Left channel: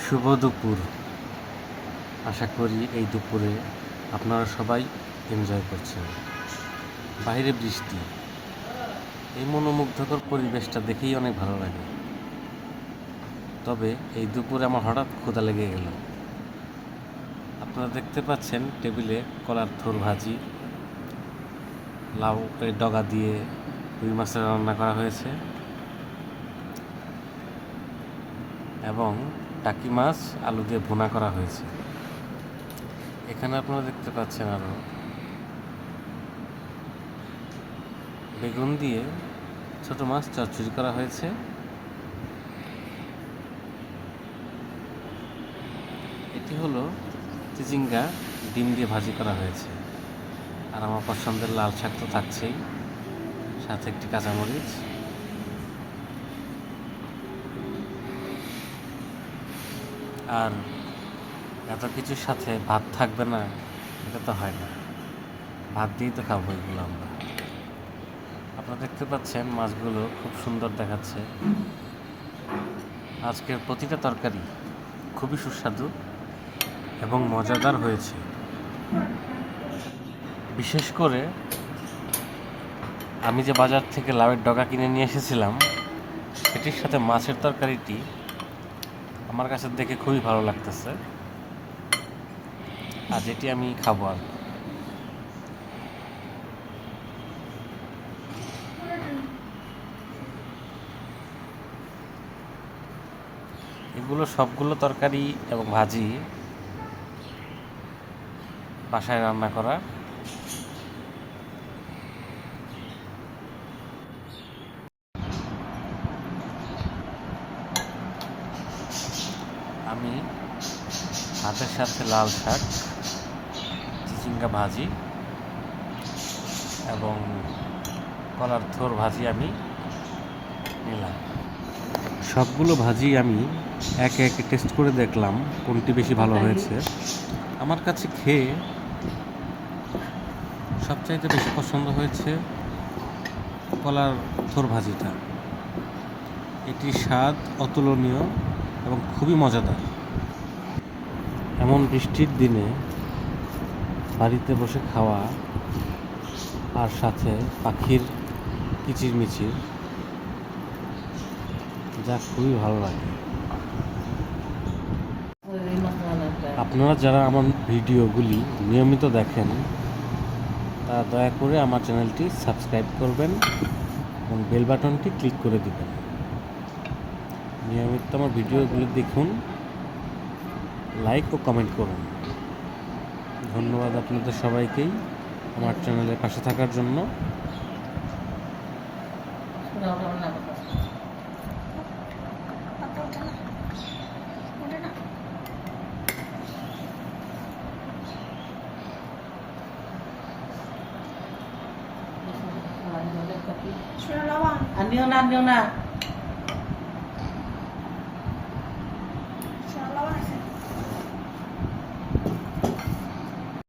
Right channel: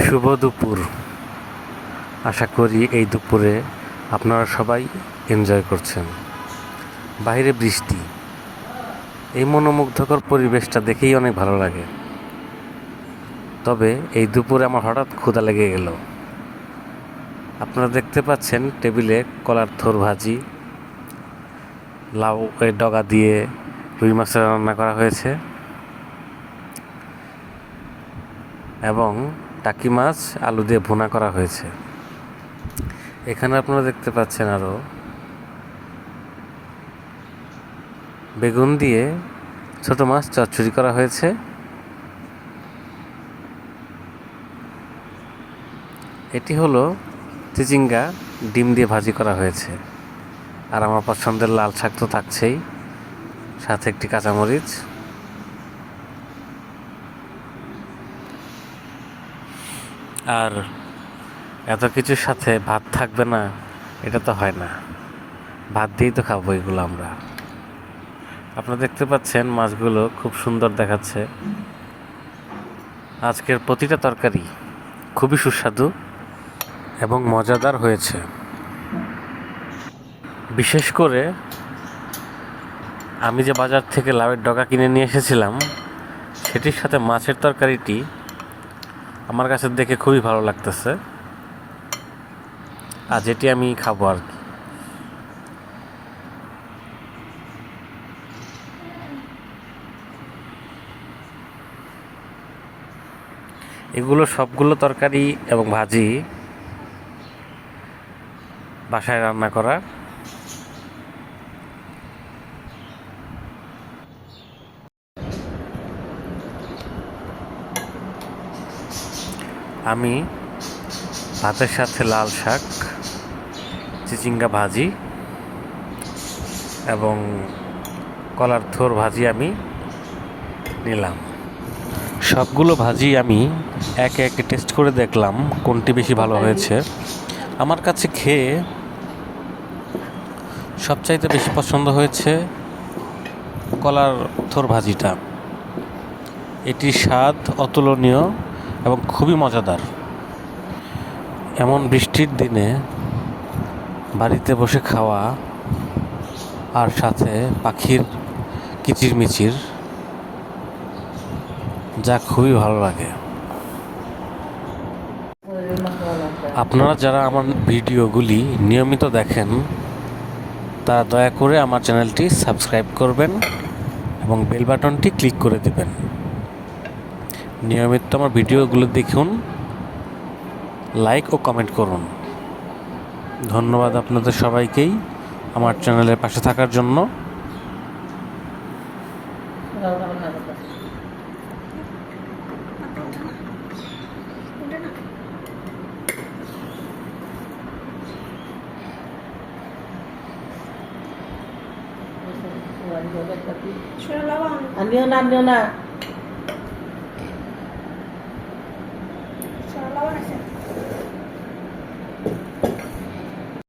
শুভ দুপুর। আশা করি এই দুপুরে আপনারা সবাই এনজয় করছেন। বাইরে বৃষ্টি, এই মনোমুগ্ধকর পরিবেশটা দেখেই অনেক ভালো লাগে। তবে এই দুপুরে আমার হঠাৎ ক্ষুধা লেগে গেল। আপনারা দেখতে পাচ্ছেন টেবিলে কলার থোর ভাজি, লাউ ডগা দিয়ে রুই মাছের রান্না করা হয়েছে এবং টাকি মাছ আলু দিয়ে ভুনা করা হয়েছে। এখানে আপনারা দেখতে পাচ্ছেন আরও বেগুন দিয়ে ছোট মাছ চচ্চড়ি করা হয়েছে। এটি হলো চিচিঙ্গা ডিম দিয়ে ভাজি করা হয়েছে। আর আমার পছন্দের লাল শাক তো থাকছেই, সাথে একটি কাঁচামরিচ। আর এত কিছুর সাথে ভাত থাকবে না, এটা তো হয় না। ভাত দিয়েই তো খাবো এগুলো আমরা। আপনারা দেখতে পাচ্ছেন মাছগুলো খুব সুন্দর দেখাচ্ছে। আজকের প্রতিটা তরকারি খুবই সুস্বাদু এবং মজাদার হয়েছে। বিশেষ করে আমি যে বাজার থেকে লাউয়ের ডগা কিনে নিয়ে এসেছিলাম, সেটির সাথে মাছের তরকারিটি আমার কাছে দেখে খুবই ভালো লাগতেছে। আর যেটি আমি খাবো আর কি। এগুলো সবগুলো তরকারি এবং ভাজি বাসায় রান্না করা। আমি ভাতের সাথে লাল শাক, চিচিঙ্গা ভাজি এবং কলার থোর ভাজি আমি নিলাম। সবগুলো ভাজি আমি একে একে টেস্ট করে দেখলাম কোনটি বেশি ভালো হয়েছে। আমার কাছে খেয়ে সবচাইতে বেশি পছন্দ হয়েছে কলার থোর ভাজিটা। এটির স্বাদ অতুলনীয় এবং খুবই মজাদার। এমন বৃষ্টির দিনে বাড়িতে বসে খাওয়া আর সাথে পাখির কিচিরমিচির, যা খুবই ভালো লাগে। আপনারা যারা আমার ভিডিওগুলি নিয়মিত দেখেন, তারা দয়া করে আমার চ্যানেলটি সাবস্ক্রাইব করবেন এবং বেল বাটনটি ক্লিক করে দেবেন। নিয়মিত আমার ভিডিওগুলো দেখুন, লাইক ও কমেন্ট করুন। ধন্যবাদ আপনাদের সবাইকেই আমার চ্যানেলের পাশে থাকার জন্য। Anil na.